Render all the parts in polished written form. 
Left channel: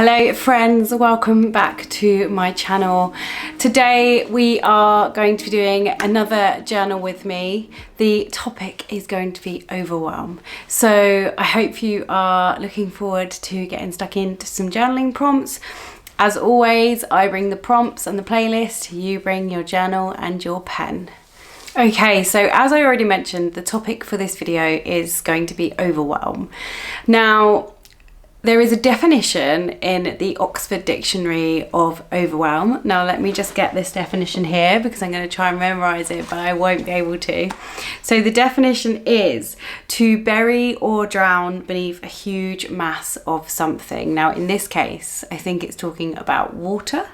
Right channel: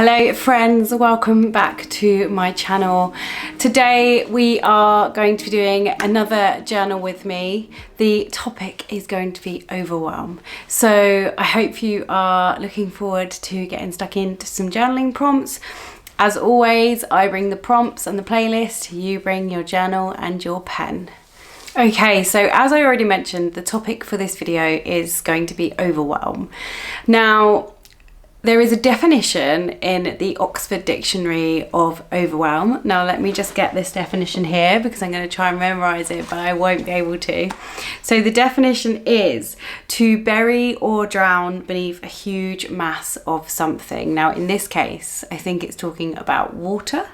Hello friends, welcome back to my channel. Today we are going to be doing another journal with me. The topic is going to be overwhelm. So I hope you are looking forward to getting stuck into some journaling prompts. As always, I bring the prompts and the playlist, you bring your journal and your pen. Okay, so as I already mentioned, the topic for this video is going to be overwhelm. Now, there is a definition in the Oxford Dictionary of overwhelm. Now let me just get this definition here because I'm going to try and memorize it, but I won't be able to. So the definition is to bury or drown beneath a huge mass of something. Now in this case, I think it's talking about water,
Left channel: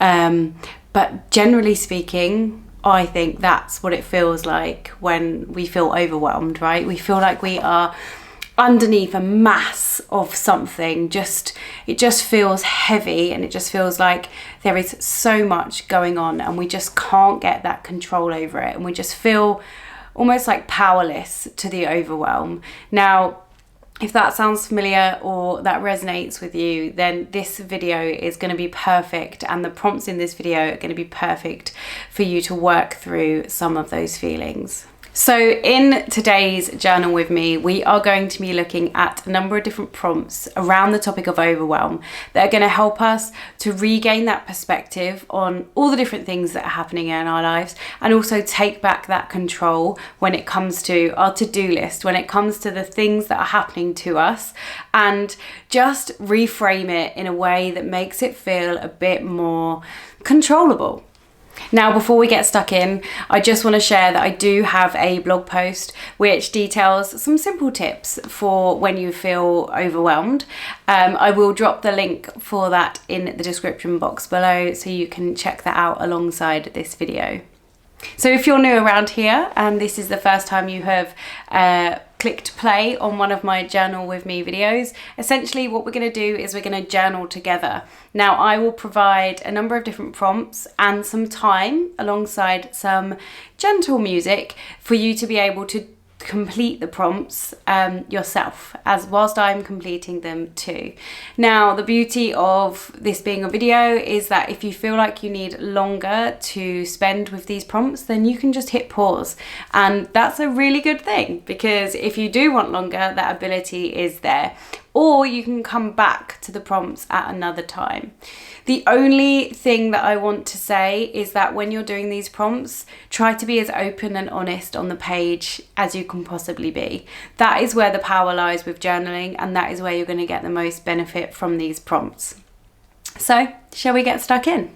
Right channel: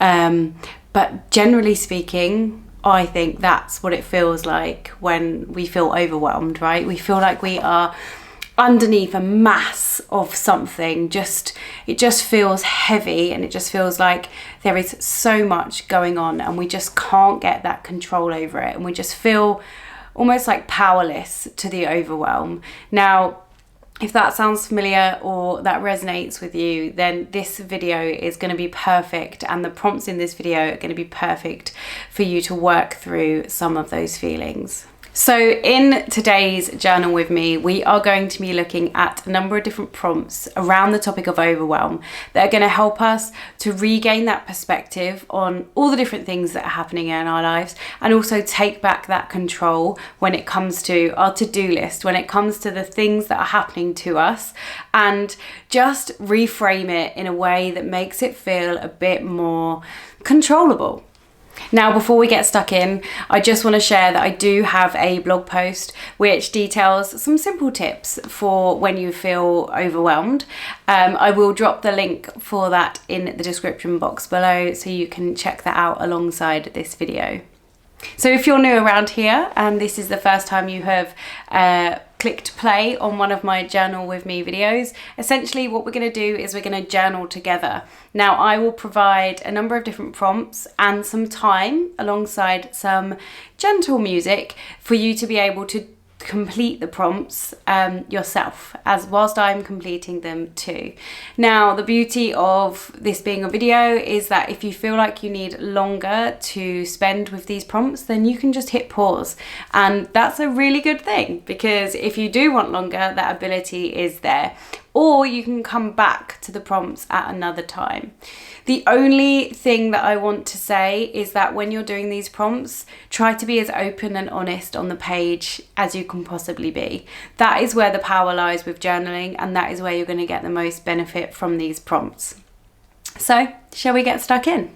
but generally speaking, I think that's what it feels like when we feel overwhelmed, right? We feel like we are underneath a mass of something. It just feels heavy, and it just feels like there is so much going on and we just can't get that control over it, and we just feel almost like powerless to the overwhelm. Now, if that sounds familiar or that resonates with you, then this video is going to be perfect, and the prompts in this video are going to be perfect for you to work through some of those feelings. So in today's journal with me, we are going to be looking at a number of different prompts around the topic of overwhelm that are going to help us to regain that perspective on all the different things that are happening in our lives, and also take back that control when it comes to our to-do list, when it comes to the things that are happening to us, and just reframe it in a way that makes it feel a bit more controllable. Now, before we get stuck in, I just want to share that I do have a blog post which details some simple tips for when you feel overwhelmed. I will drop the link for that in the description box below, so you can check that out alongside this video. So if you're new around here and this is the first time you have clicked play on one of my journal with me videos, essentially what we're going to do is we're going to journal together. Now, I will provide a number of different prompts and some time alongside some gentle music for you to be able to complete the prompts yourself, as whilst I'm completing them too. Now, the beauty of this being a video is that if you feel like you need longer to spend with these prompts, then you can just hit pause, and that's a really good thing, because if you do want longer, that ability is there, or you can come back to the prompts at another time. The only thing that I want to say is that when you're doing these prompts, try to be as open and honest on the page as you can possibly be. That is where the power lies with journaling, and that is where you're going to get the most benefit from these prompts. So, shall we get stuck in?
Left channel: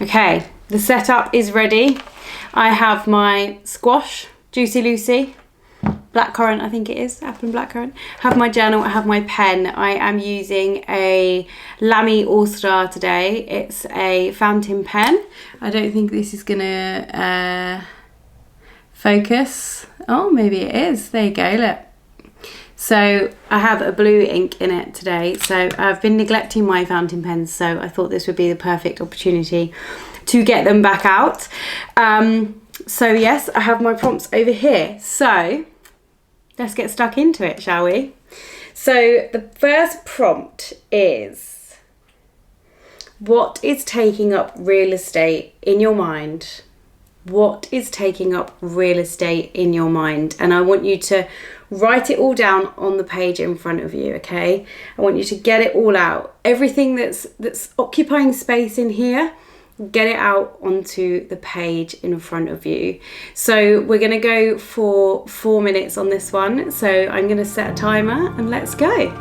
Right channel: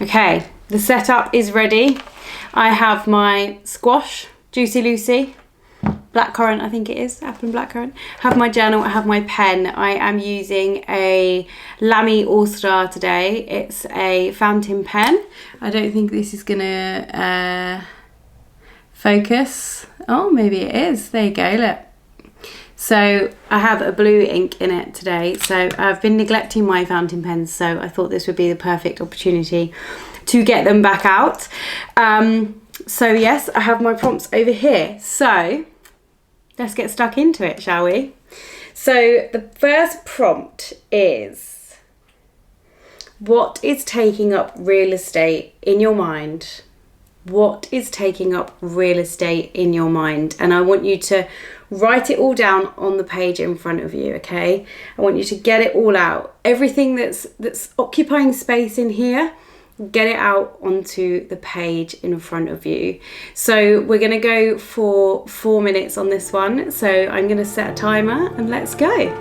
Okay, the setup is ready. I have my squash, Juicy Lucy, blackcurrant, I think it is, apple and blackcurrant. I have my journal, I have my pen. I am using a Lamy All-Star today. It's a fountain pen. I don't think this is gonna focus. Oh, maybe it is. There you go, look. So I have a blue ink in it today. So I've been neglecting my fountain pens, so I thought this would be the perfect opportunity to get them back out. So yes, I have my prompts over here. So let's get stuck into it, shall we? So the first prompt is, what is taking up real estate in your mind? What is taking up real estate in your mind? And I want you to write it all down on the page in front of you, okay? I want you to get it all out. Everything that's occupying space in here, get it out onto the page in front of you. So we're going to go for 4 minutes on this one. So I'm going to set a timer and let's go.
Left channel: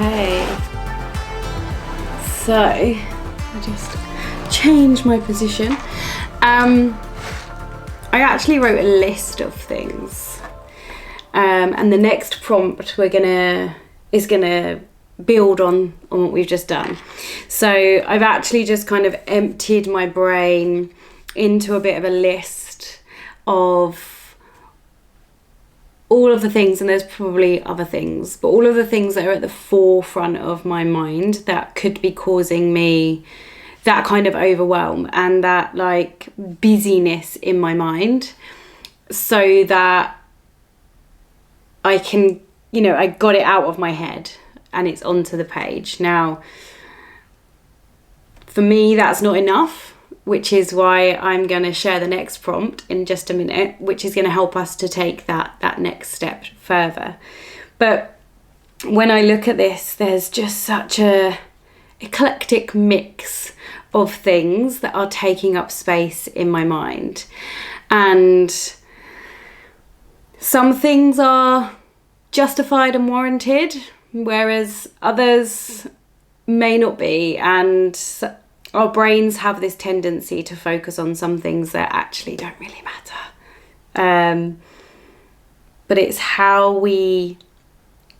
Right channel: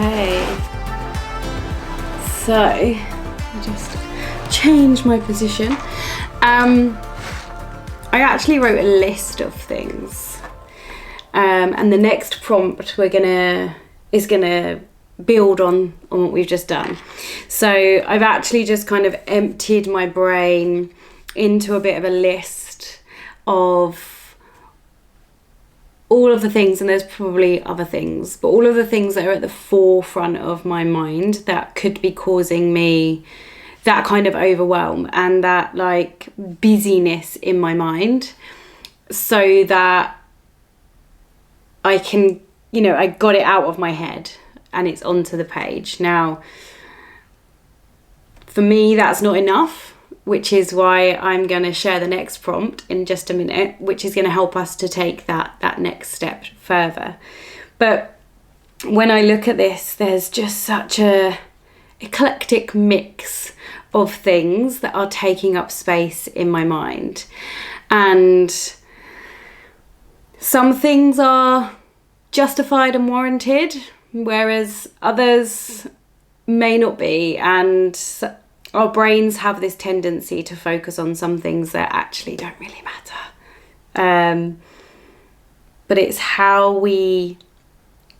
Okay, so I just changed my position. I actually wrote a list of things, and the next prompt is gonna build on what we've just done. So I've actually just kind of emptied my brain into a bit of a list of all of the things, and there's probably other things, but all of the things that are at the forefront of my mind that could be causing me that kind of overwhelm and that like busyness in my mind, so that I can, I got it out of my head and it's onto the page. Now, for me, that's not enough, which is why I'm going to share the next prompt in just a minute, which is going to help us to take that next step further. But when I look at this, there's just such a eclectic mix of things that are taking up space in my mind. And some things are justified and warranted, whereas others may not be. And our brains have this tendency to focus on some things that actually don't really matter. But it's how we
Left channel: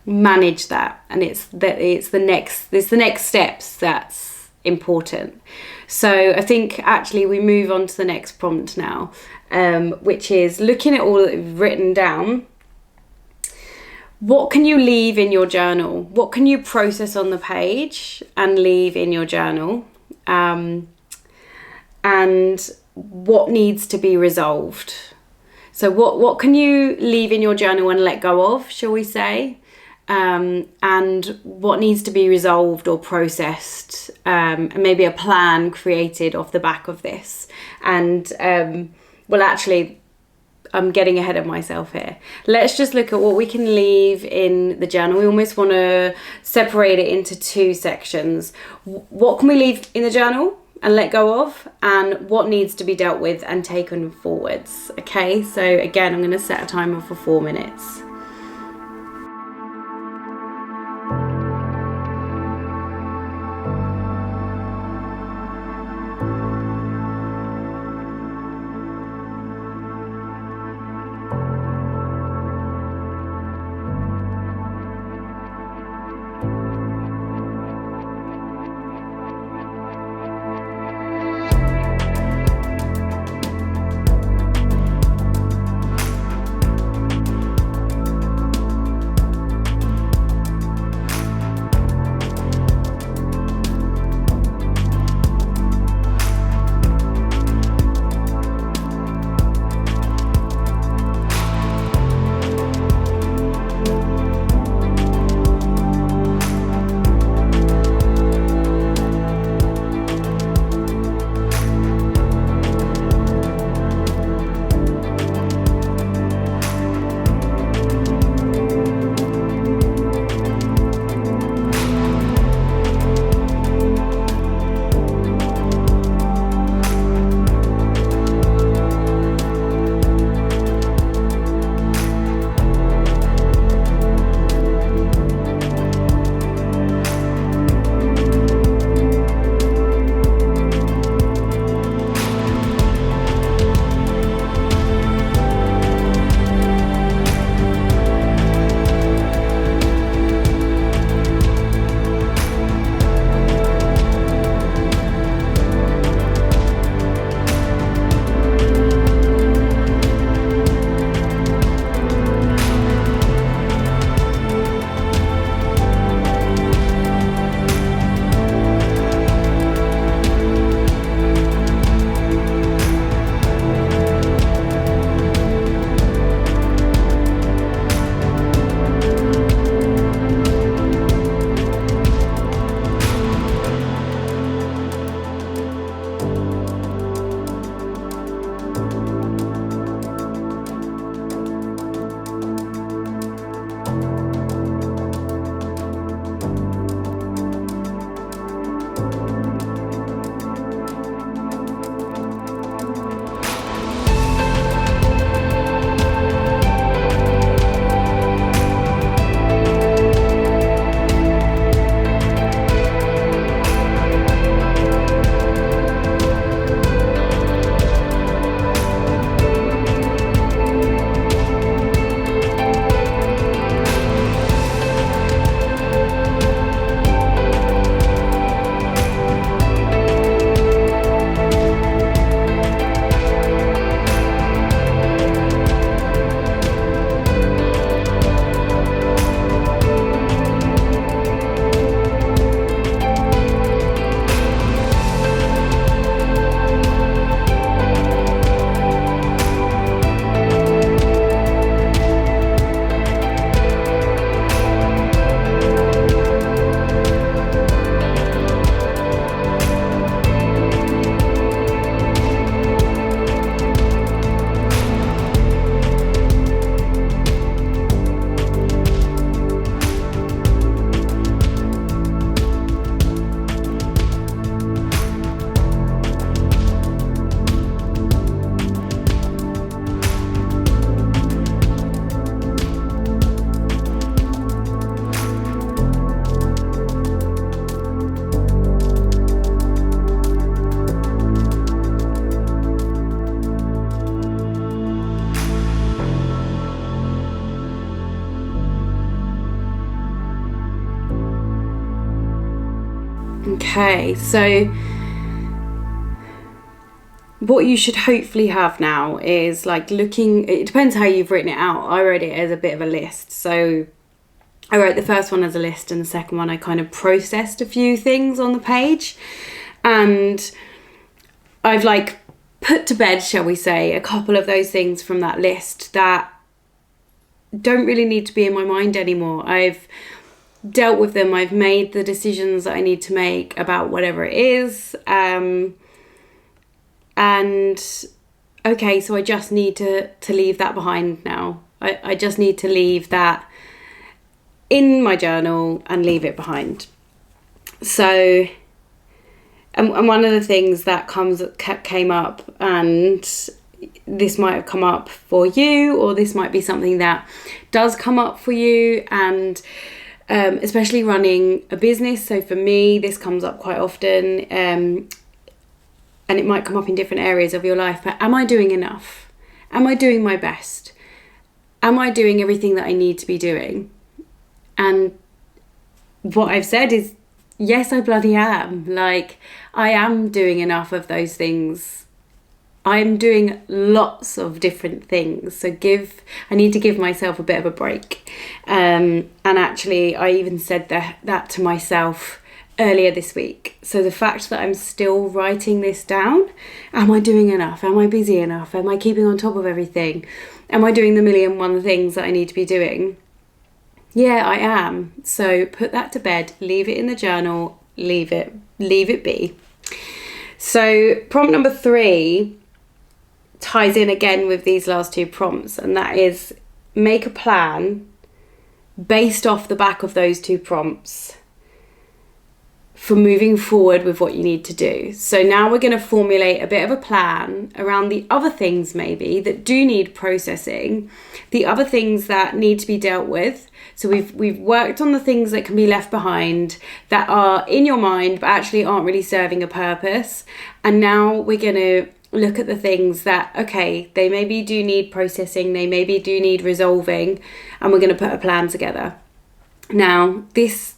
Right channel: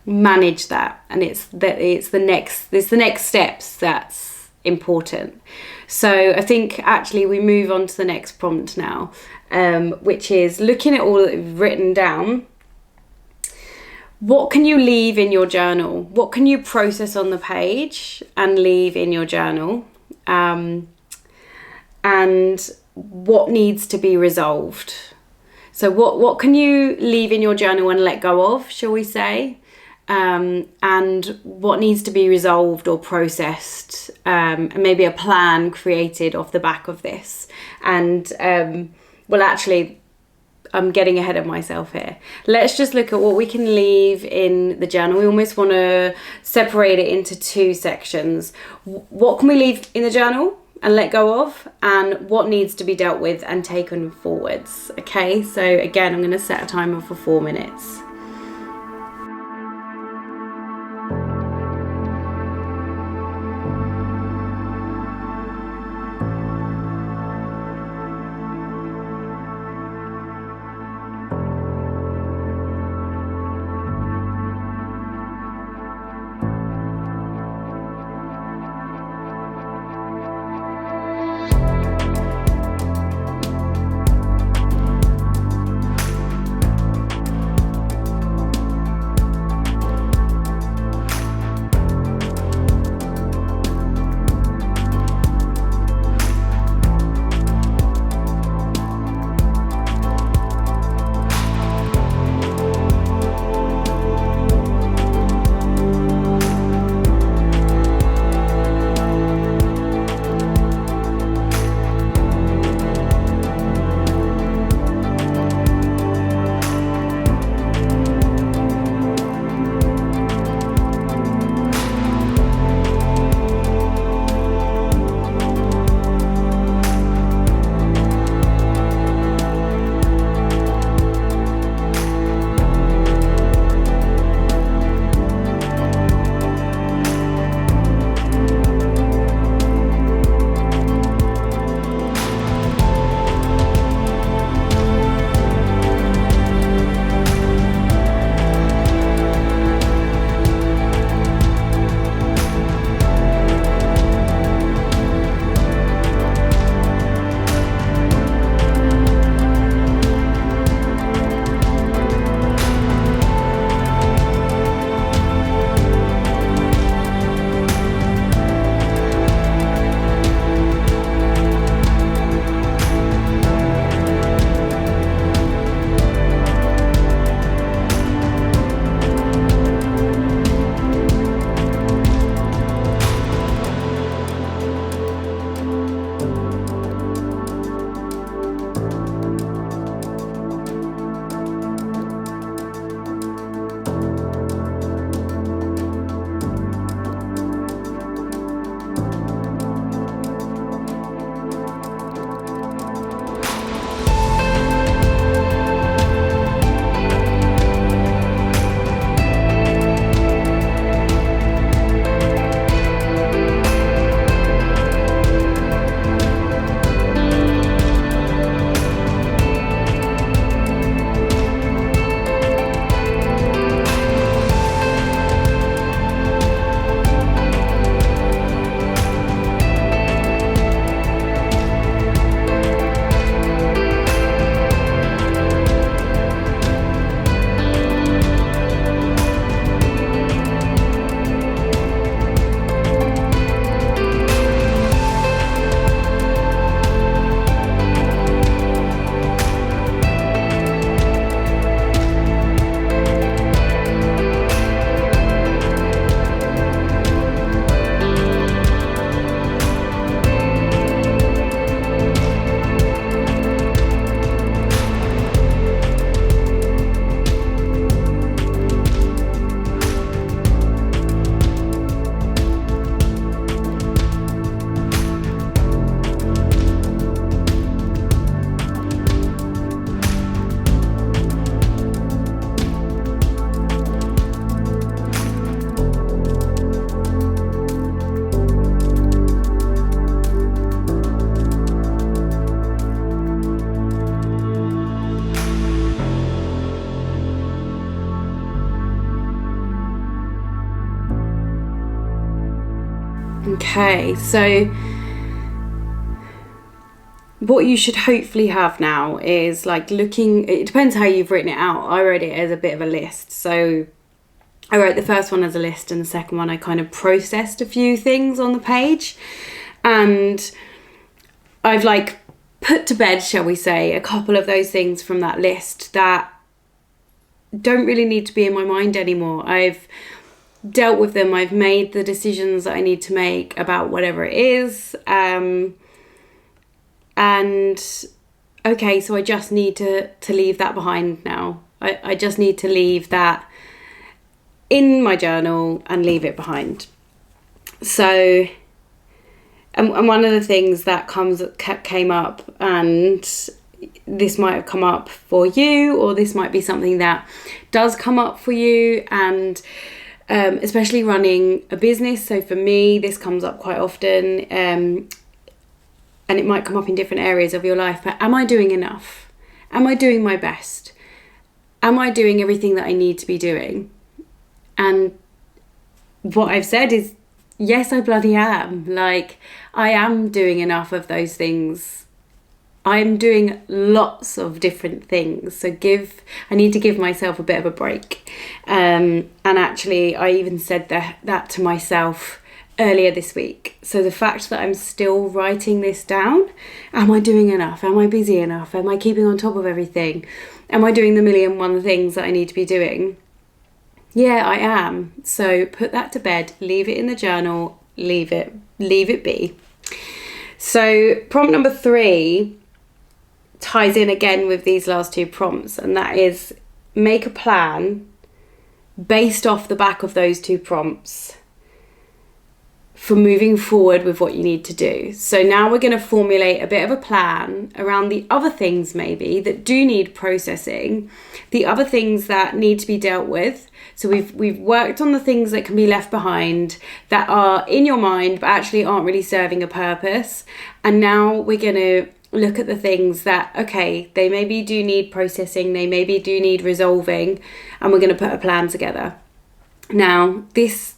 manage that, and it's the next steps that's important. So I think actually we move on to the next prompt now, which is looking at all that we've written down. What can you leave in your journal? What can you process on the page and leave in your journal? And what needs to be resolved? So what can you leave in your journal and let go of, shall we say? And what needs to be resolved or processed, and maybe a plan created off the back of this. And well, actually, I'm getting ahead of myself here. Let's just look at what we can leave in the journal. We almost want to separate it into two sections. What can we leave in the journal and let go of, and what needs to be dealt with and taken forwards? Okay, so again, I'm going to set a timer for 4 minutes. Okay, so what you should hopefully have now is like looking, it depends how you've written it out. I wrote it as a bit of a list. So I wrote the first one as a list, and the second one I kind of processed a few things on the page, and I've like put to bed, shall we say, a couple of those things from that list that don't really need to be in my mind anymore. I've dealt with them. I've made the decisions that I need to make about whatever it is. And okay, so I just need to leave that behind now. I just need to leave that in my journal and leave it behind. So, and one of the things that came up, and this might have come up for you, or this might be something that does come up for you, and especially running a business. So for me, this comes up quite often, and it might come up in different areas of your life. But am I doing enough? Am I doing my best? Am I doing everything that I need to be doing? And what I've said is, yes, I bloody am. Like, I am doing enough of those things. I'm doing lots of different things. So I need to give myself a bit of a break. And actually, I even said that to myself earlier this week. So the fact that I'm still writing this down, am I doing enough? Am I busy enough? Am I keeping on top of everything? Am I doing the 1,000,001 things that I need to be doing? Yeah, I am. So put that to bed, leave it in the journal, leave it be. So prompt number 3 ties in again with these last 2 prompts, and that is make a plan based off the back of those 2 prompts for moving forward with what you need to do. So now we're going to formulate a bit of a plan around the other things maybe that do need processing, the other things that need to be dealt with. So we've worked on the things that can be left behind, that are in your mind but actually aren't really serving a purpose. And now we're going to look at the things that, okay, they maybe do need processing, they maybe do need resolving, and we're going to put a plan together. Now, this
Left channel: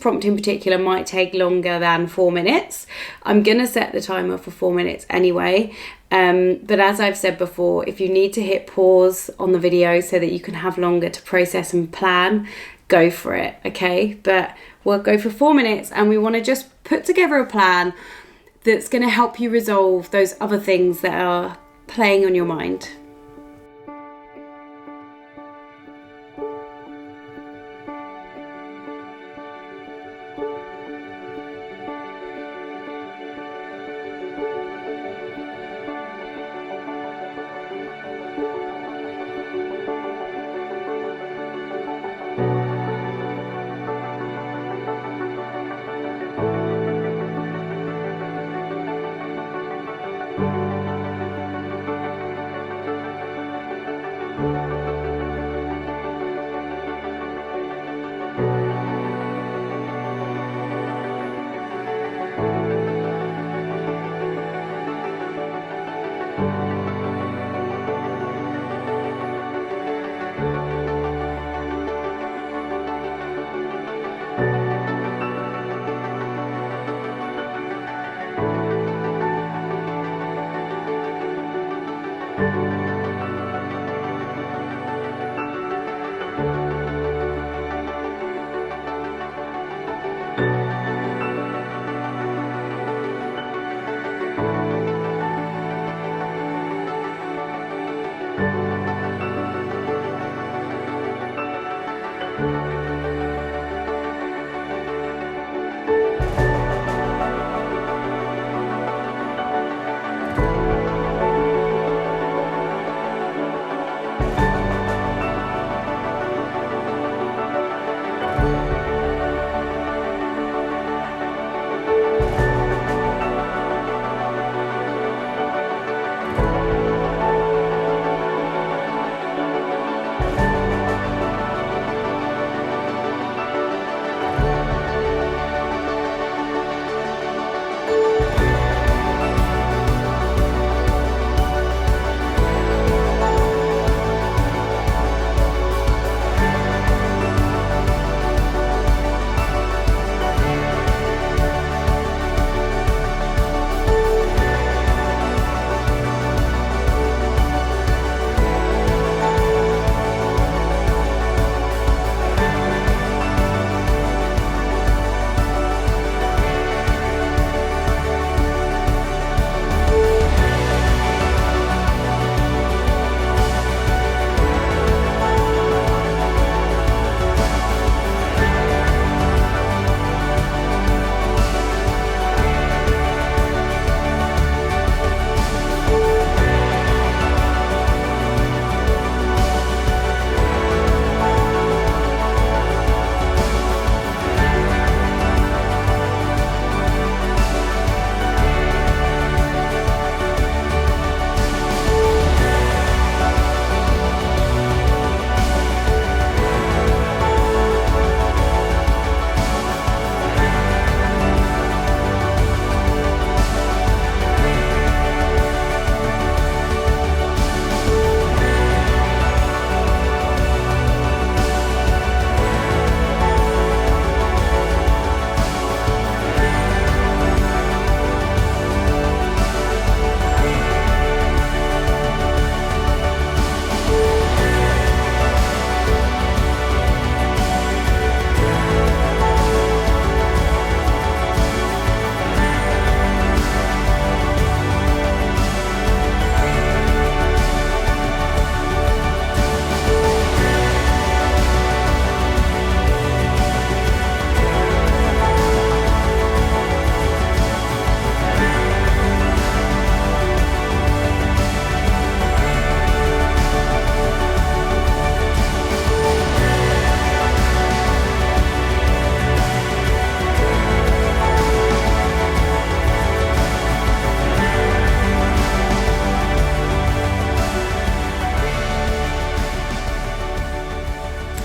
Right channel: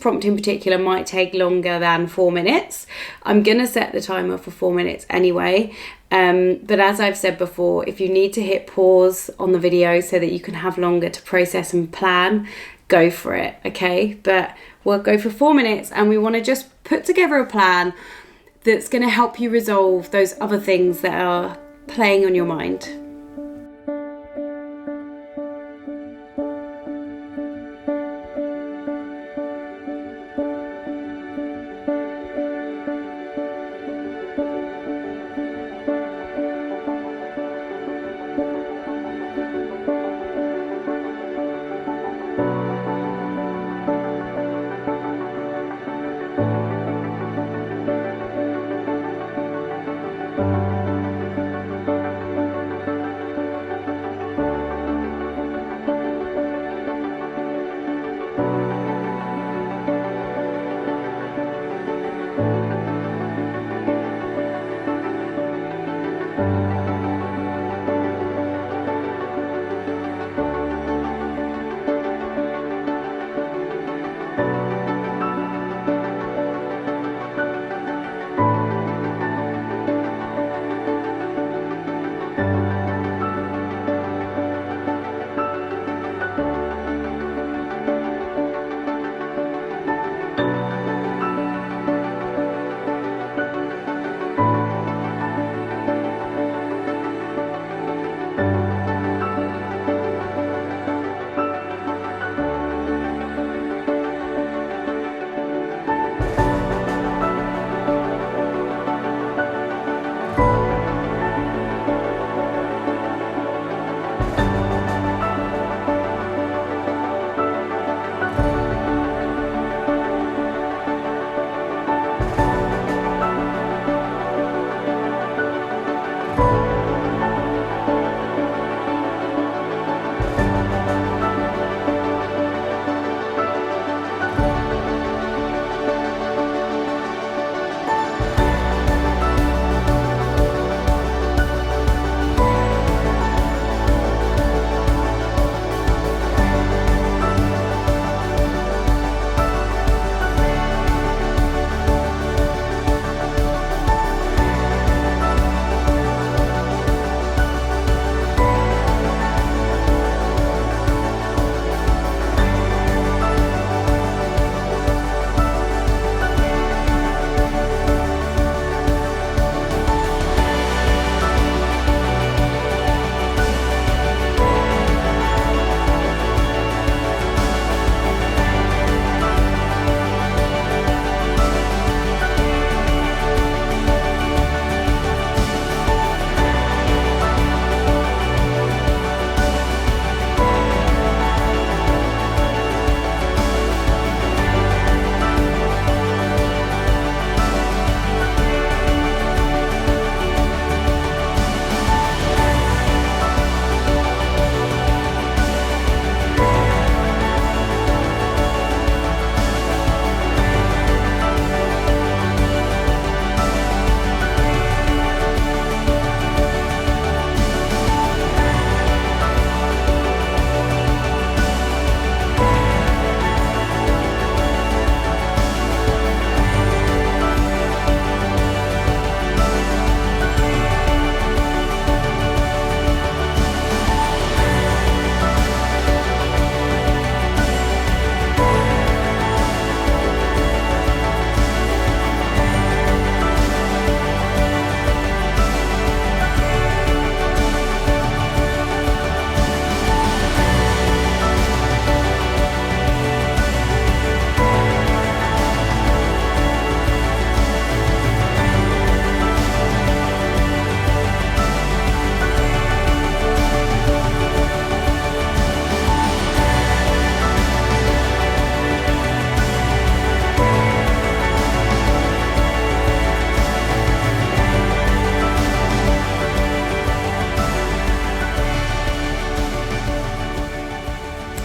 prompt in particular might take longer than 4 minutes. I'm going to set the timer for 4 minutes anyway. But as I've said before, if you need to hit pause on the video so that you can have longer to process and plan, go for it, okay? But we'll go for 4 minutes, and we want to just put together a plan that's going to help you resolve those other things that are playing on your mind.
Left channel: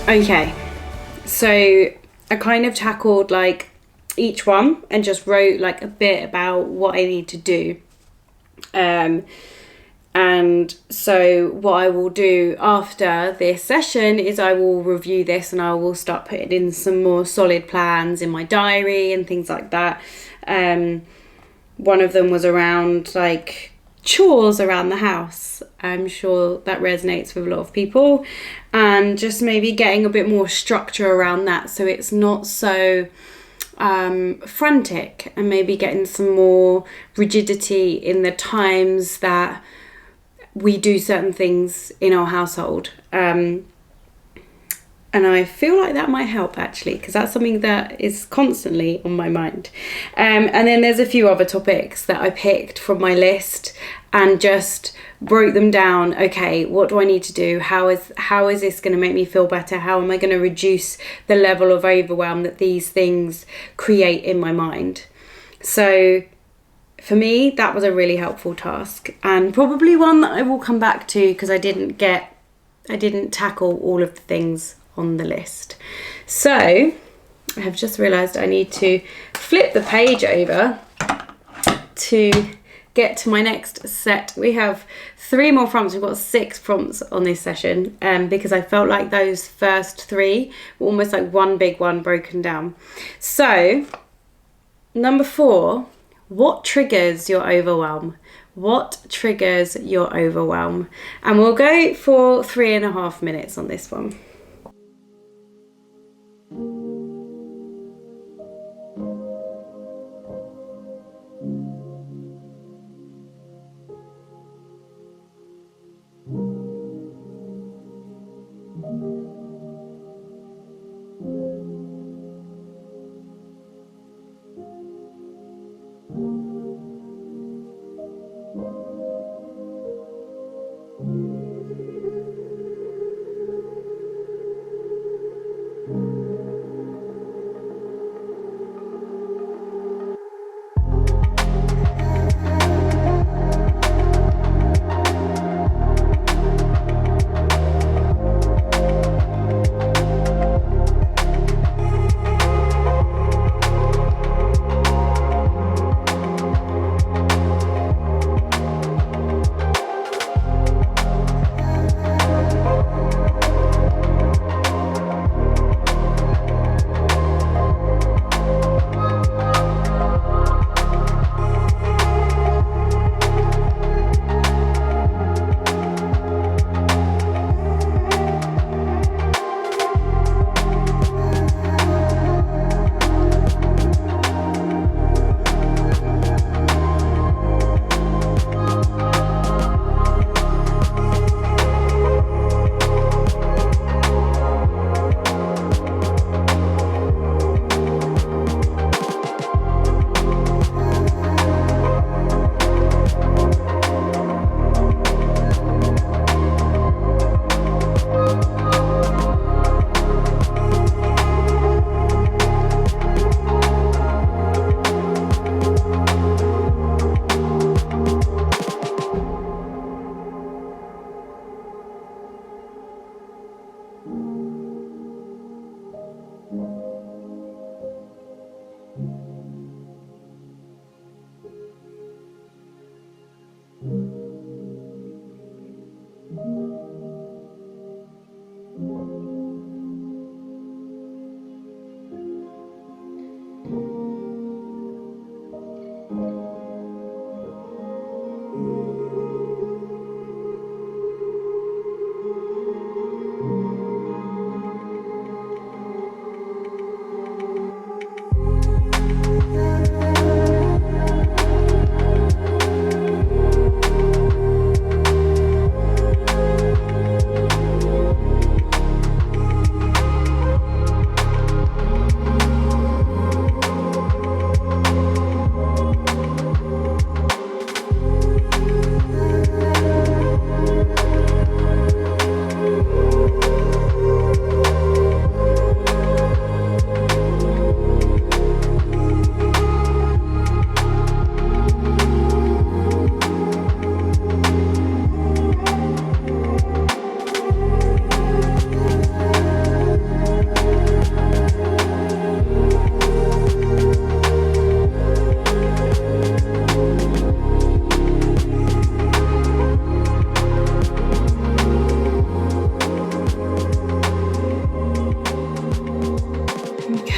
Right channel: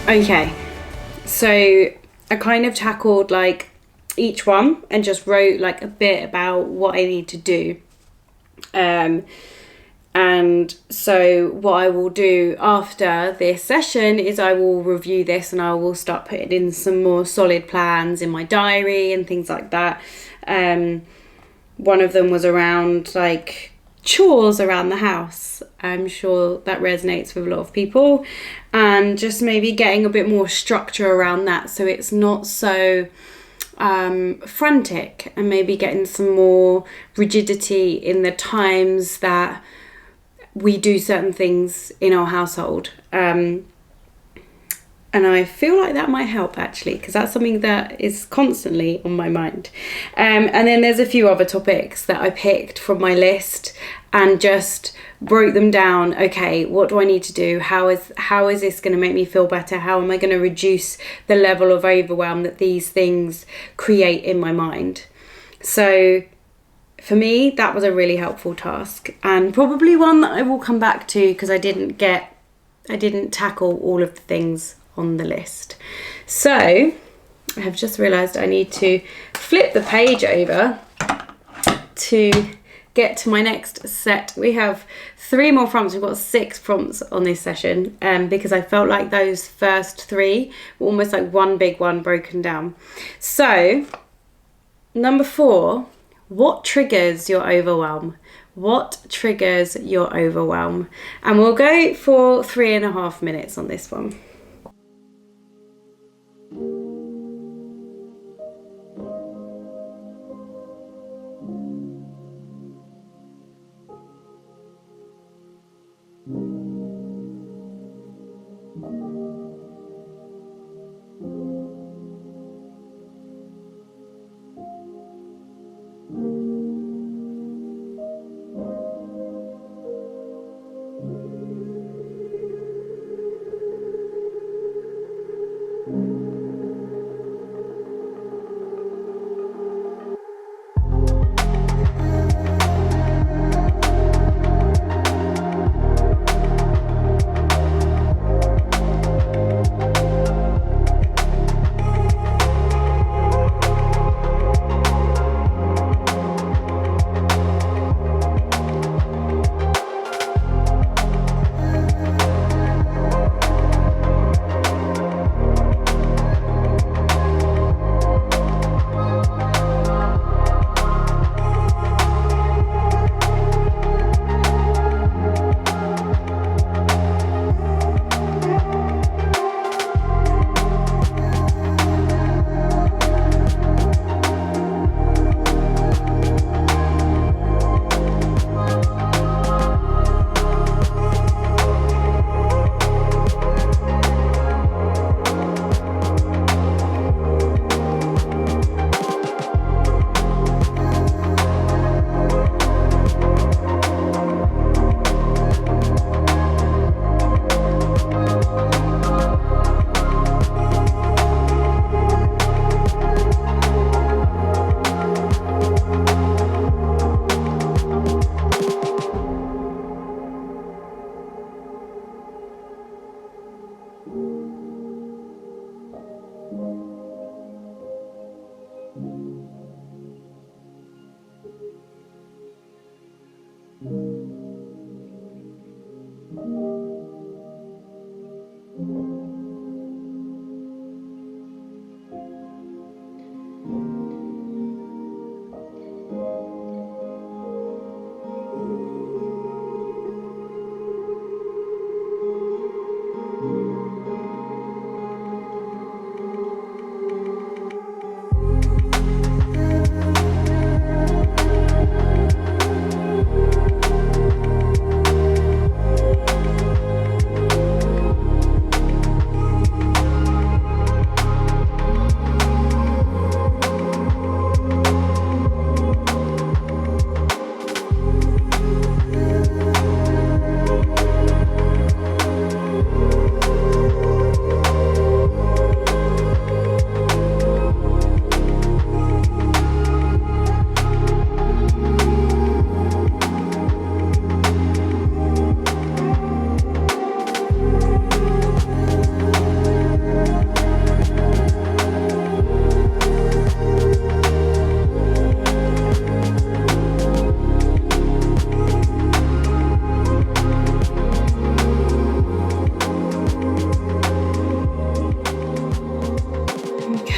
Okay, so I kind of tackled like each one and just wrote like a bit about what I need to do. And so what I will do after this session is I will review this and I will start putting in some more solid plans in my diary and things like that. One of them was around like chores around the house. I'm sure that resonates with a lot of people, and just maybe getting a bit more structure around that so it's not so frantic, and maybe getting some more rigidity in the times that we do certain things in our household. And I feel like that might help actually, because that's something that is constantly on my mind. And then there's a few other topics that I picked from my list and just wrote them down. Okay, what do I need to do? How is this going to make me feel better? How am I going to reduce the level of overwhelm that these things create in my mind? So for me, that was a really helpful task, and probably one that I will come back to because I didn't tackle all of the things on the list. So I have just realised I need to flip the page over to get to my next set. We have 3 more prompts. We've got 6 prompts on this session, because I felt like those first 3 were almost like one big one broken down. So number 4, what triggers your overwhelm? What triggers your overwhelm? And we'll go for 3.5 minutes on this one.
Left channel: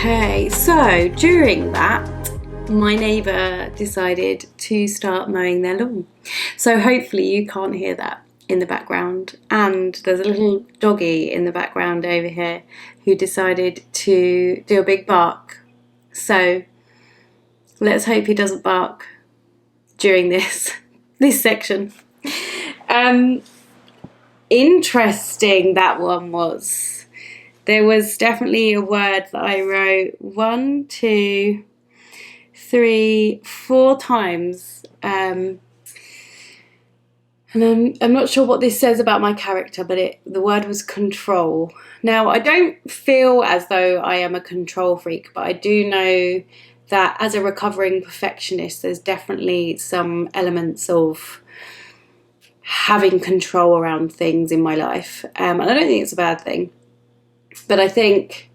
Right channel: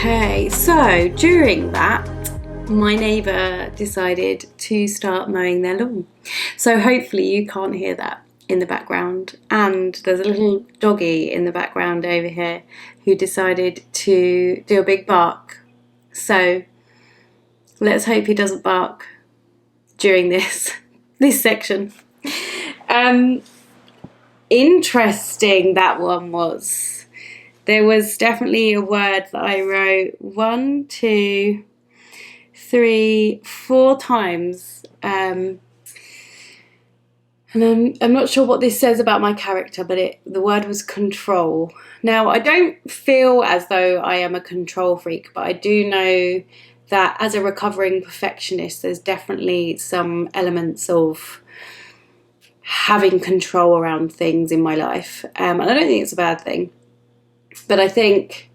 Okay, so during that, my neighbour decided to start mowing their lawn. So hopefully you can't hear that in the background. And there's a little doggy in the background over here who decided to do a big bark. So let's hope he doesn't bark during this section. Interesting that one was. There was definitely a word that I wrote 1, 2, 3, 4 times. And I'm not sure what this says about my character, but the word was control. Now, I don't feel as though I am a control freak, but I do know that as a recovering perfectionist, there's definitely some elements of having control around things in my life. And I don't think it's a bad thing. But I think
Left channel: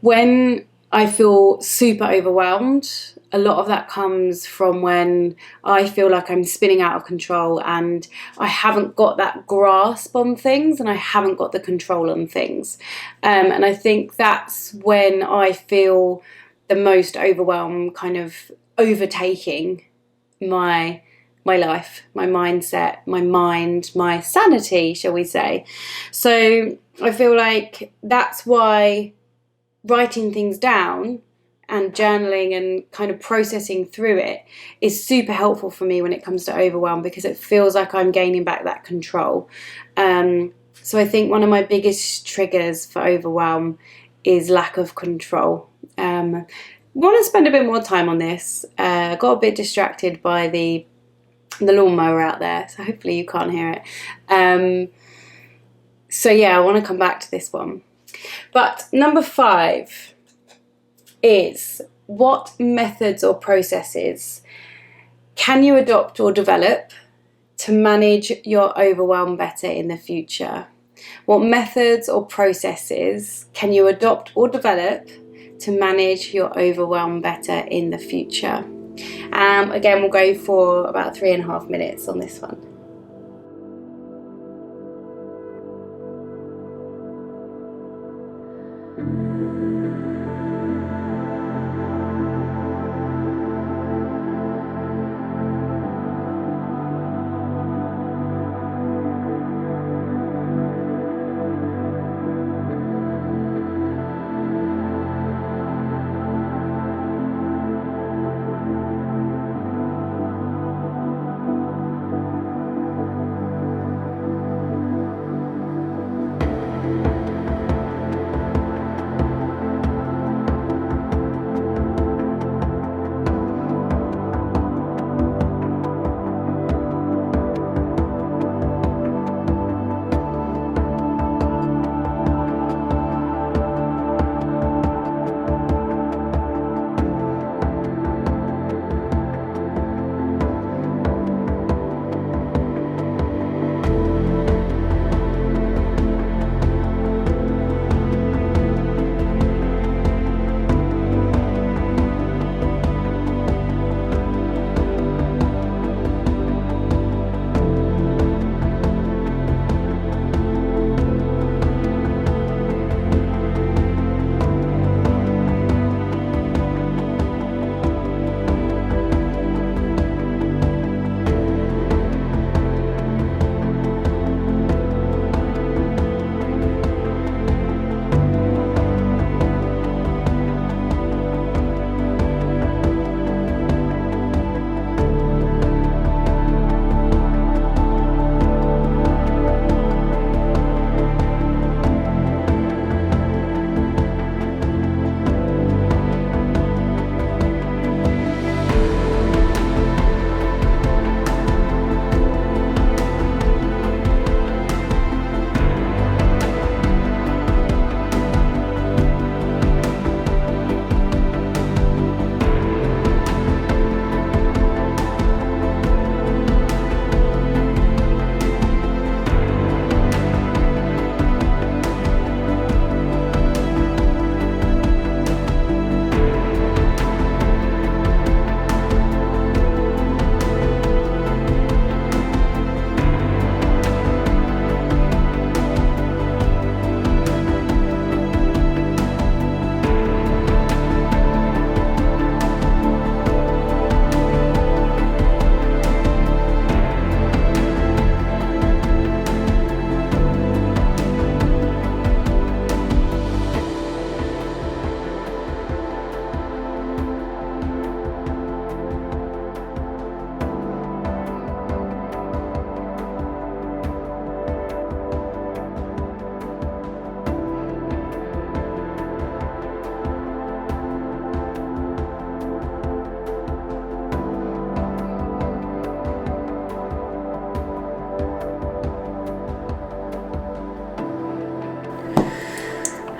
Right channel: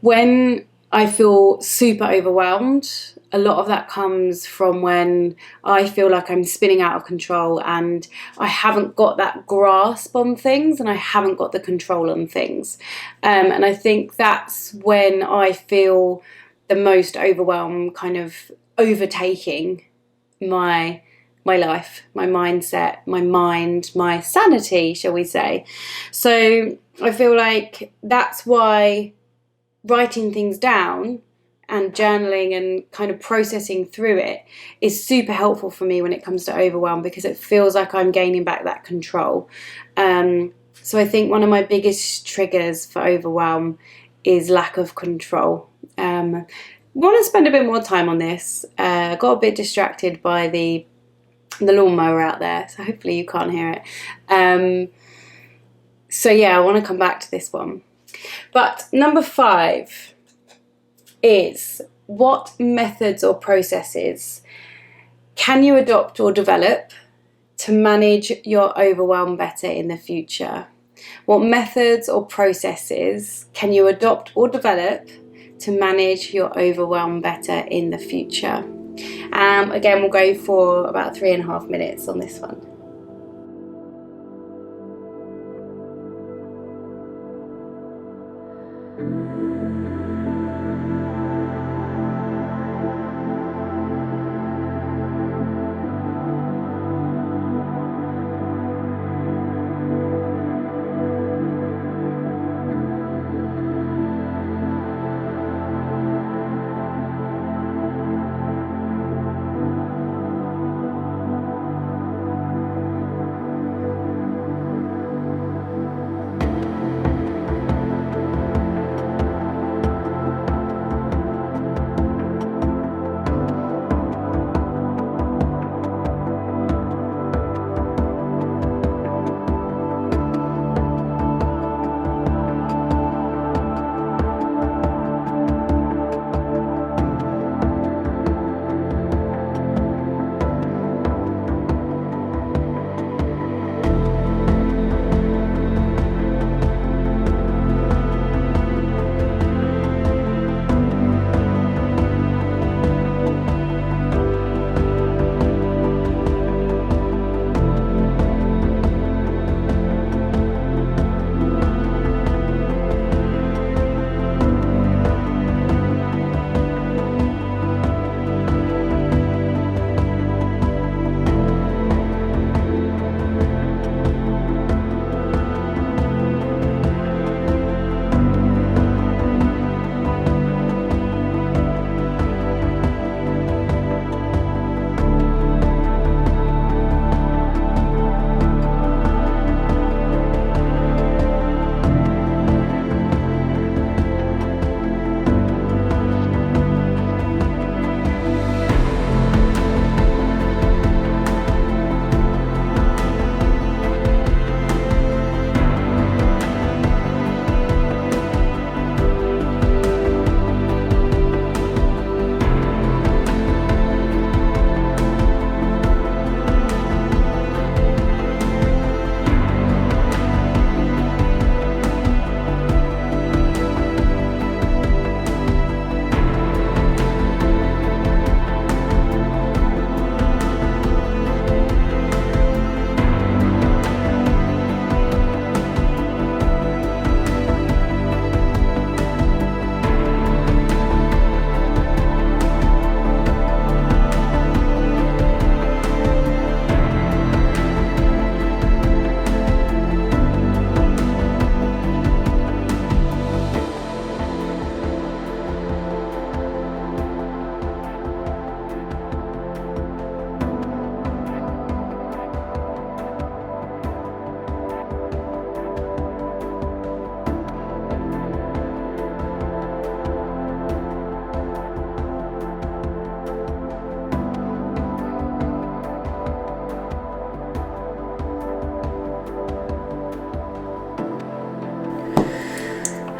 when I feel super overwhelmed, a lot of that comes from when I feel like I'm spinning out of control and I haven't got that grasp on things and I haven't got the control on things. And I think that's when I feel the most overwhelm kind of overtaking my life, my mindset, my mind, my sanity, shall we say. So I feel like that's why writing things down and journaling and kind of processing through it is super helpful for me when it comes to overwhelm, because it feels like I'm gaining back that control. So I think one of my biggest triggers for overwhelm is lack of control. Want to spend a bit more time on this. Got a bit distracted by the lawnmower out there, so hopefully you can't hear it. So yeah, I want to come back to this one. But number 5 is, what methods or processes can you adopt or develop to manage your overwhelm better in the future? What methods or processes can you adopt or develop to manage your overwhelm better in the future? Again, we'll go for about 3.5 minutes on this one.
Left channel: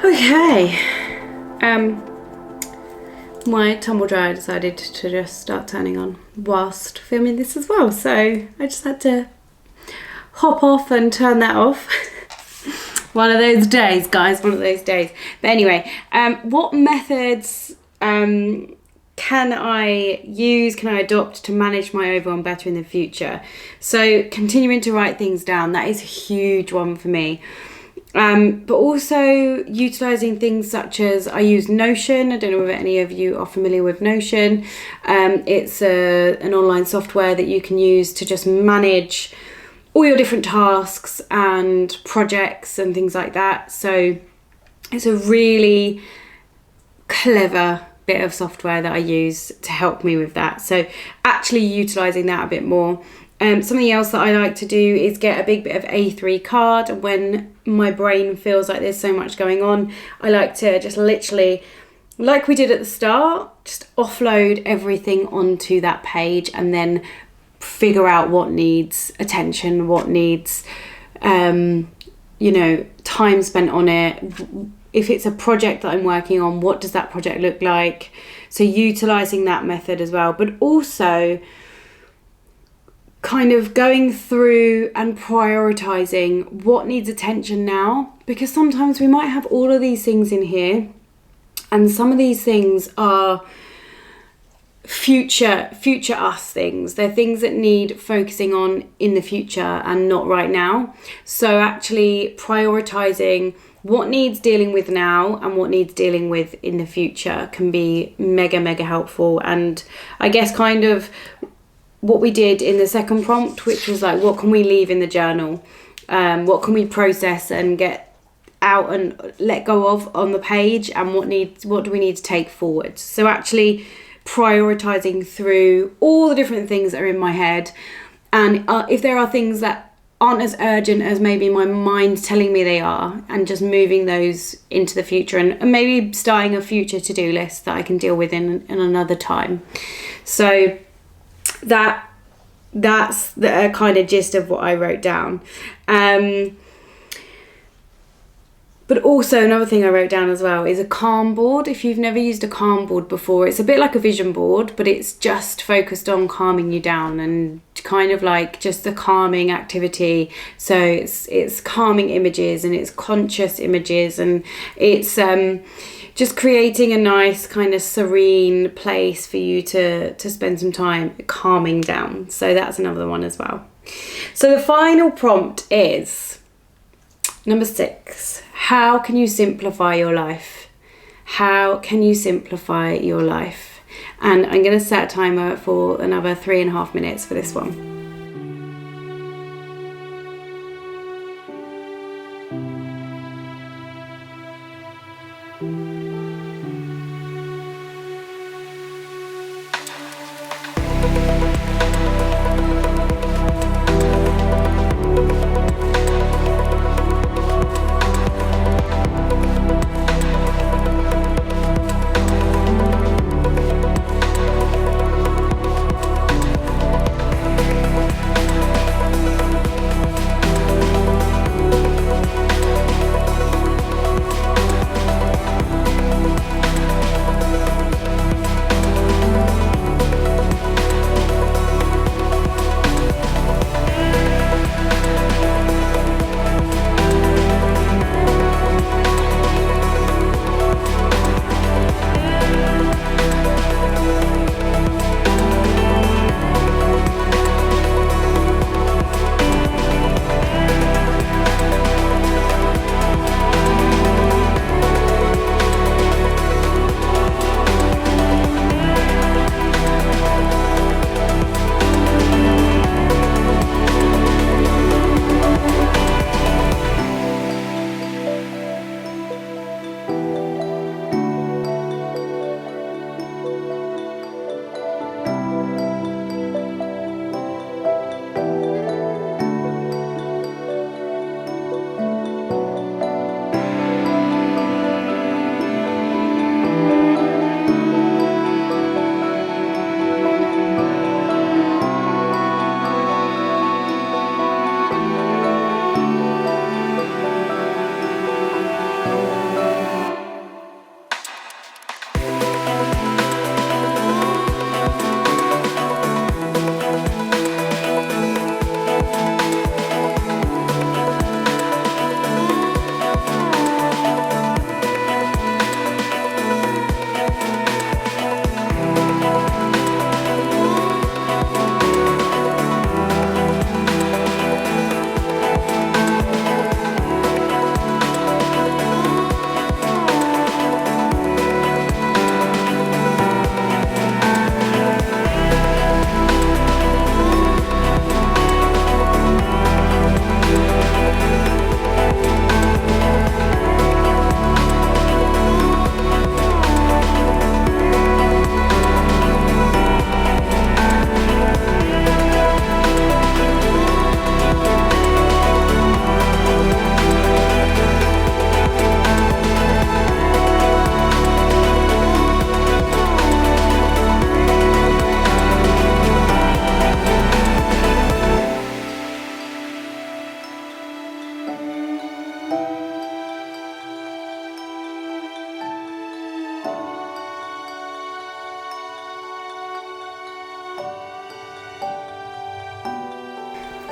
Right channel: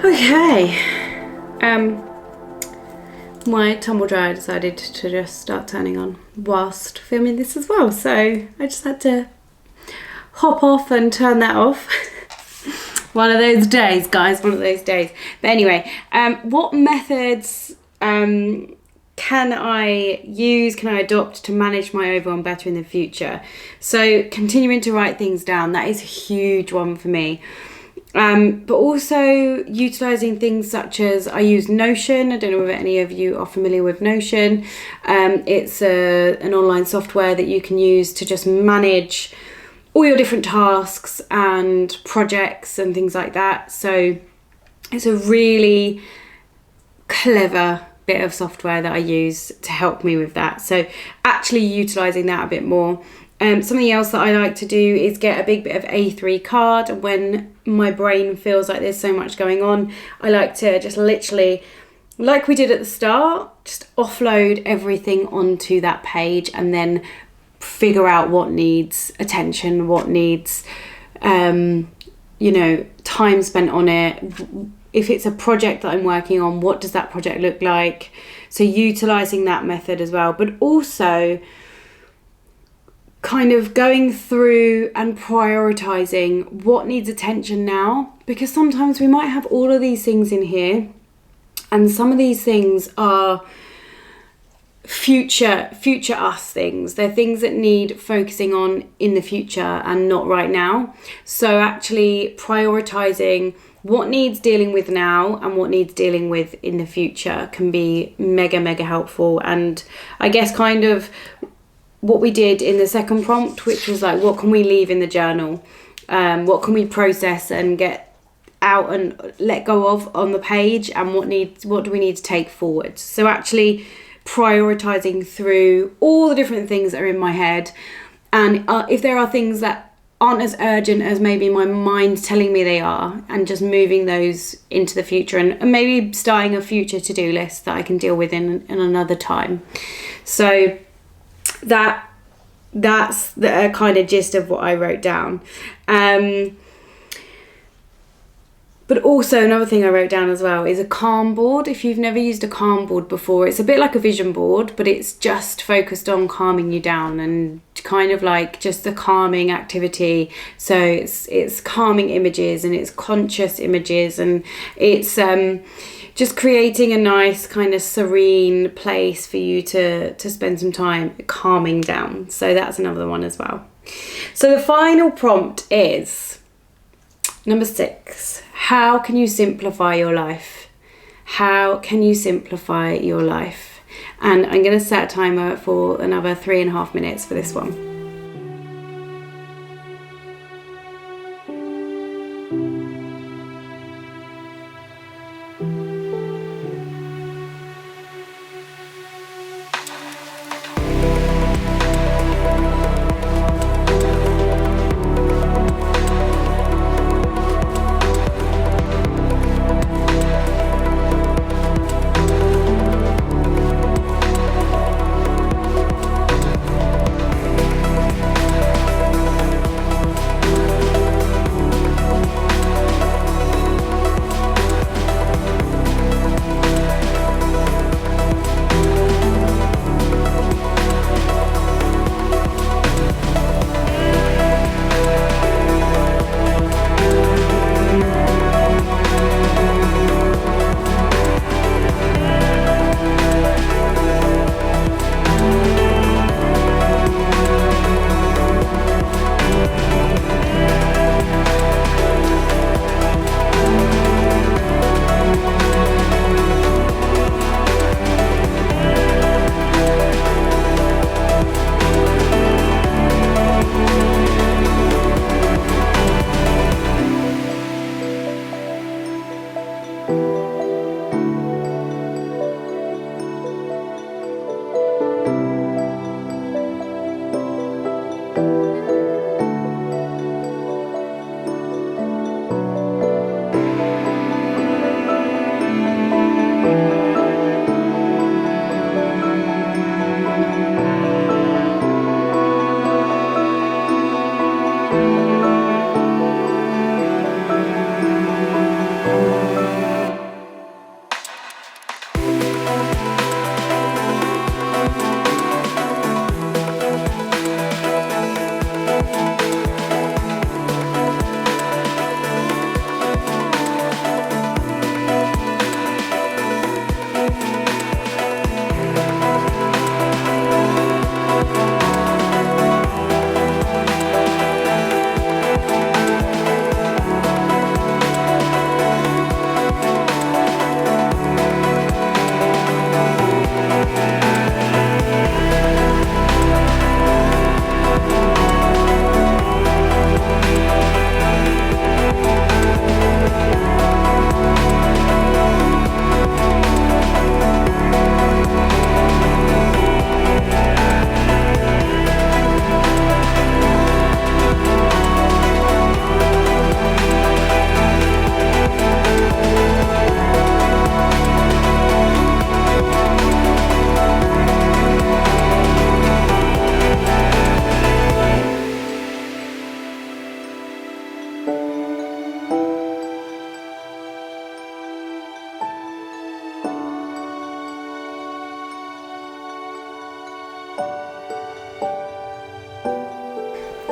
Okay, my tumble dryer decided to just start turning on whilst filming this as well, so I just had to hop off and turn that off. One of those days, guys, one of those days. But anyway, what methods can I use, can I adopt to manage my overwhelm better in the future? So continuing to write things down, that is a huge one for me. But also utilising things such as, I use Notion. I don't know whether any of you are familiar with Notion. It's an online software that you can use to just manage all your different tasks and projects and things like that. So it's a really clever bit of software that I use to help me with that. So actually utilising that a bit more. Something else that I like to do is get a big bit of A3 card. And when my brain feels like there's so much going on, I like to just literally, like we did at the start, just offload everything onto that page and then figure out what needs attention, what needs, time spent on it. If it's a project that I'm working on, what does that project look like? So utilising that method as well, but also kind of going through and prioritising what needs attention now, because sometimes we might have all of these things in here and some of these things are future us things. They're things that need focusing on in the future and not right now. So actually prioritising what needs dealing with now and what needs dealing with in the future can be mega helpful. And I guess kind of what we did in the second prompt, which was like, what can we leave in the journal? What can we process and get out and let go of on the page, and what do we need to take forward? So actually prioritizing through all the different things that are in my head, and if there are things that aren't as urgent as maybe my mind's telling me they are, and just moving those into the future, and maybe starting a future to-do list that I can deal with in another time. So that's the kind of gist of what I wrote down. But also another thing I wrote down as well is a calm board. If you've never used a calm board before, it's a bit like a vision board, but it's just focused on calming you down and kind of like just a calming activity. So it's calming images and it's conscious images, and it's just creating a nice kind of serene place for you to spend some time calming down. So that's another one as well. So the final prompt is number 6. How can you simplify your life? How can you simplify your life? And I'm going to set a timer for another 3.5 minutes for this one.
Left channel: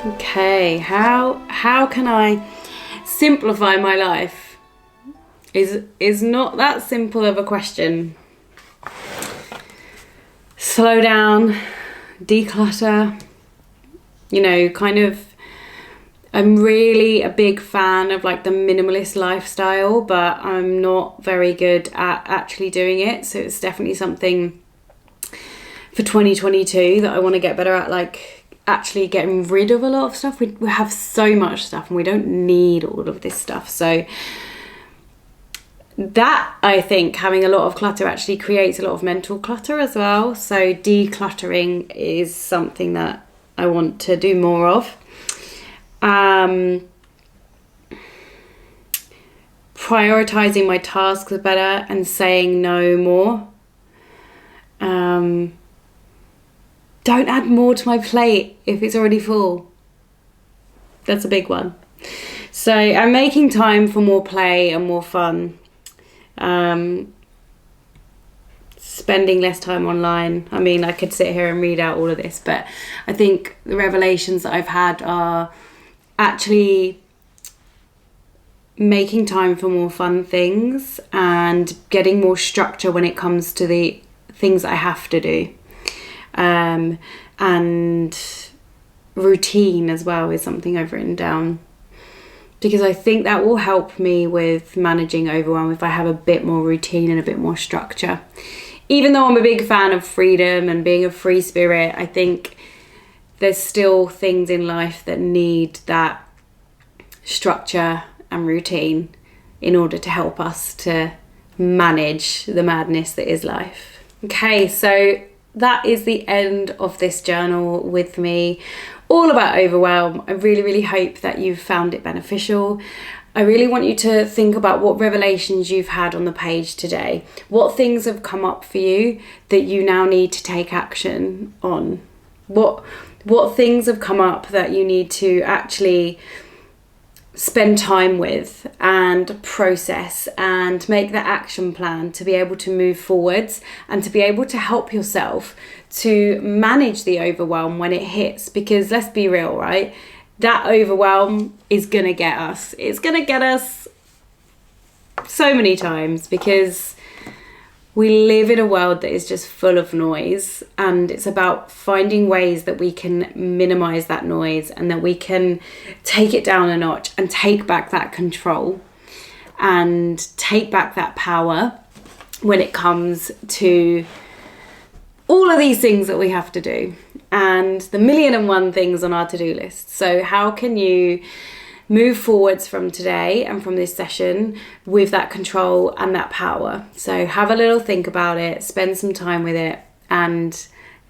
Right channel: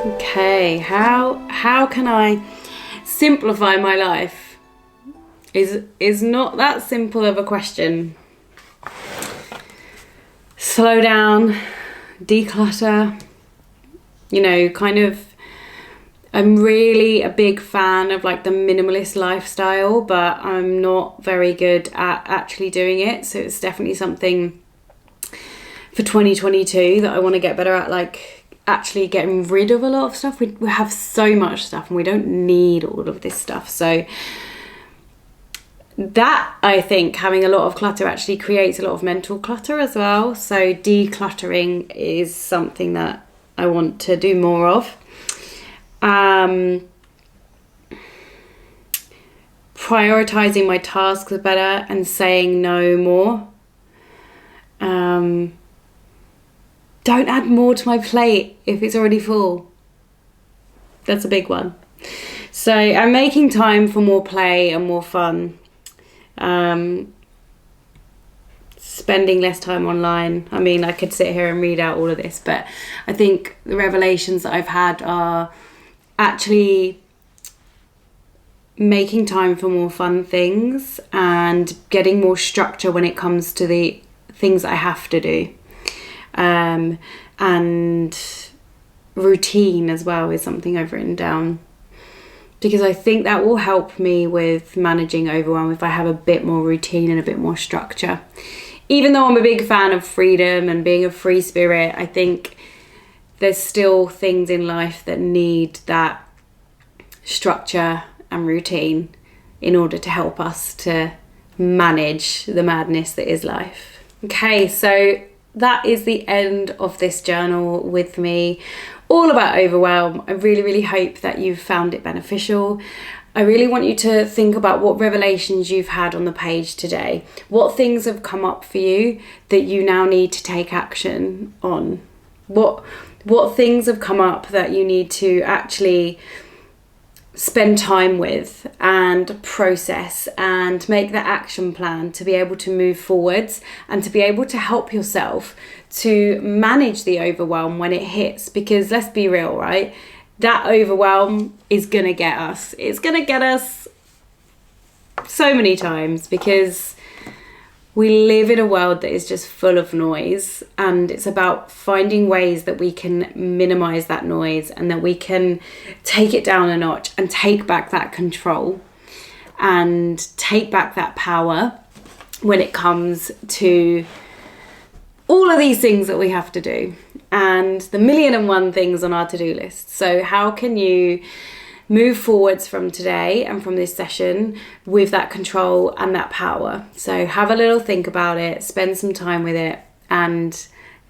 Okay, how can I simplify my life? Is not that simple of a question. Slow down, declutter, you know, kind of. I'm really a big fan of like the minimalist lifestyle, but I'm not very good at actually doing it. So it's definitely something for 2022 that I want to get better at, like actually getting rid of a lot of stuff. We have so much stuff and we don't need all of this stuff. So that, I think, having a lot of clutter actually creates a lot of mental clutter as well. So decluttering is something that I want to do more of. Prioritizing my tasks better and saying no more. Don't add more to my plate if it's already full. That's a big one. So I'm making time for more play and more fun. Spending less time online. I mean, I could sit here and read out all of this, but I think the revelations that I've had are actually making time for more fun things and getting more structure when it comes to the things I have to do. And routine as well is something I've written down, because I think that will help me with managing overwhelm if I have a bit more routine and a bit more structure. Even though I'm a big fan of freedom and being a free spirit, I think there's still things in life that need that structure and routine in order to help us to manage the madness that is life. Okay, so that is the end of this journal with me, all about overwhelm. I really hope that you've found it beneficial. I really want you to think about what revelations you've had on the page today. What things have come up for you that you now need to take action on? What things have come up that you need to actually spend time with and process and make the action plan to be able to move forwards and to be able to help yourself to manage the overwhelm when it hits? Because let's be real, right? That overwhelm is going to get us. It's going to get us so many times because we live in a world that is just full of noise, and it's about finding ways that we can minimize that noise and that we can take it down a notch and take back that control and take back that power when it comes to all of these things that we have to do and the 1,000,001 things on our to-do list. So how can you move forwards from today and from this session with that control and that power? So have a little think about it, spend some time with it and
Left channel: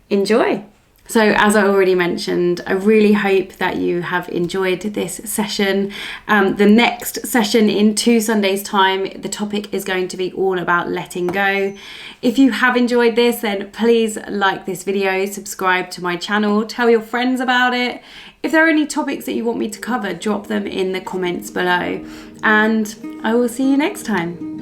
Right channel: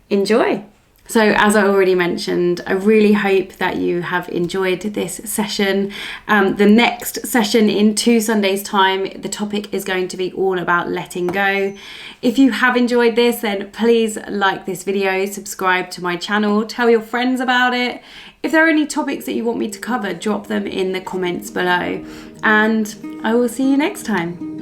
enjoy. So as I already mentioned, I really hope that you have enjoyed this session. The next session in 2 Sundays time, the topic is going to be all about letting go. If you have enjoyed this, then please like this video, subscribe to my channel, tell your friends about it. If there are any topics that you want me to cover, drop them in the comments below. And I will see you next time.